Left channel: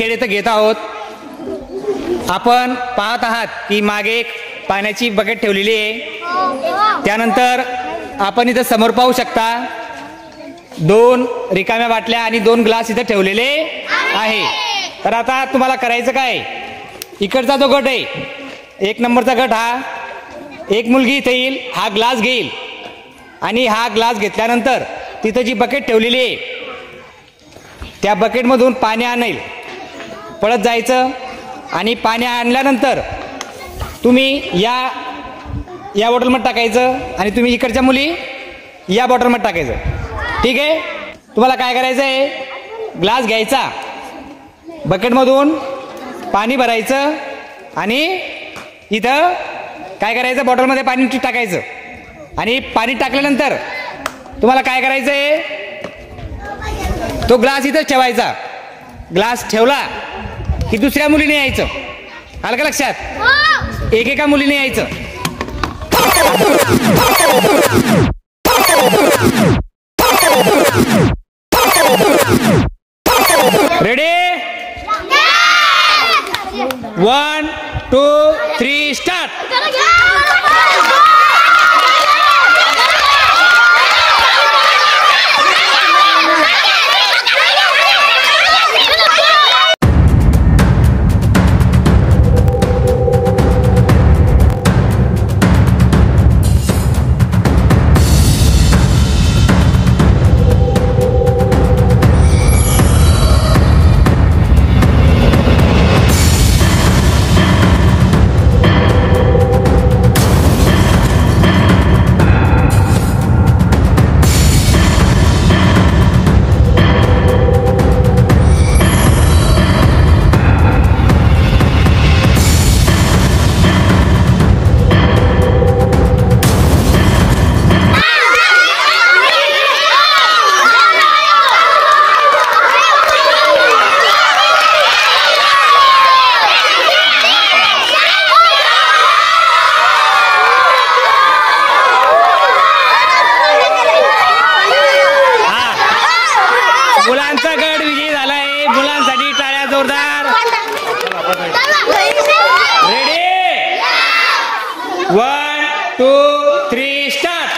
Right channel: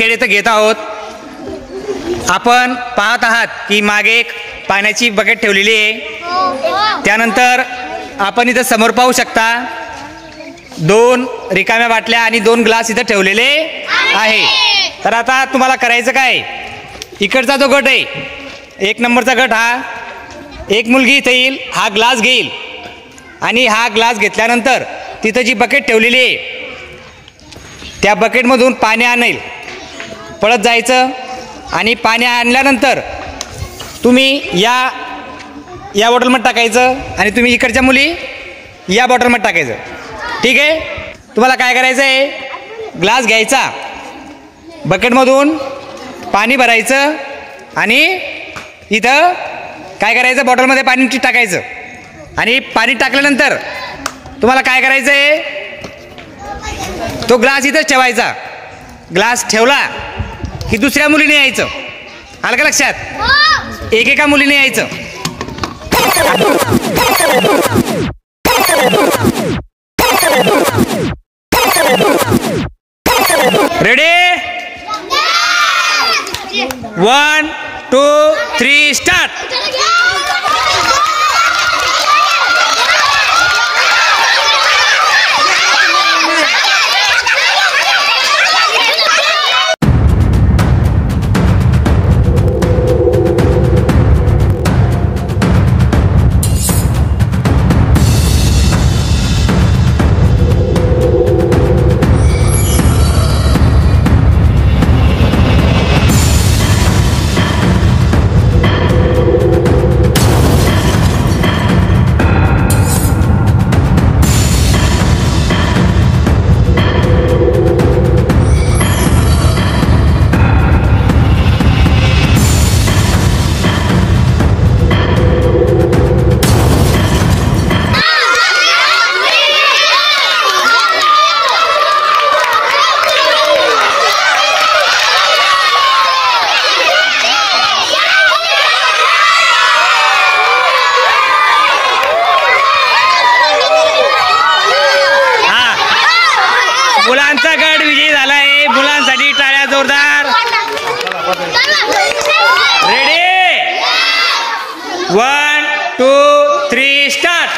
खेळ इथं घेत आहोत. आपण पाहत आहात की मागे एक पाण्याची बकेट ठेवलेली आहे. त्यानंतर आपण इथं समोर पाहू शकता 2 रिकाम्या बाटल्या आणि 2 ग्लास इथं ठेवलेले आहे. तर आता तुम्हाला करायचं काय, इकडचा जो गट आहे 1 नंबरचा गट, हा एक मुलगी इथे येईल, हा ग्लास घेईल आणि हा ग्लास घेतल्यानंतर तिथं जी बकेट ठेवलेली आहे त्या बकेटमधून पाणी आणेल, पळत जायचं आणि पाणी आणल्यानंतर तुम्ही या बॉटलमध्ये टाकायचं आणि तुम्ही इकडच्या मुली या बॉटलमध्ये टाकायचं. ठीक आहे. तुम्हाला काय करायचं आहे, ग्लास घ्यायचा, बकेटमधून पाणी भरायचं आणि इथं काय करायचं, बॉटलमध्ये पाणी टाकायचं आणि पाणी टाकल्यानंतर तुम्हाला काय करायचं आहे, तो ग्लास इथंच ठेवायचा. ग्लास ठेवला की दुसऱ्या मुलीने यायचं. आलं का लक्षात? एकेका मुलीने यायचं. रेडी? 1 2 3 स्टार्ट. मुलांचा गट विजयी झाला आहे. मुलांसाठी टाळ्या जोरदार. रेडी? 1 2 3 स्टार्ट.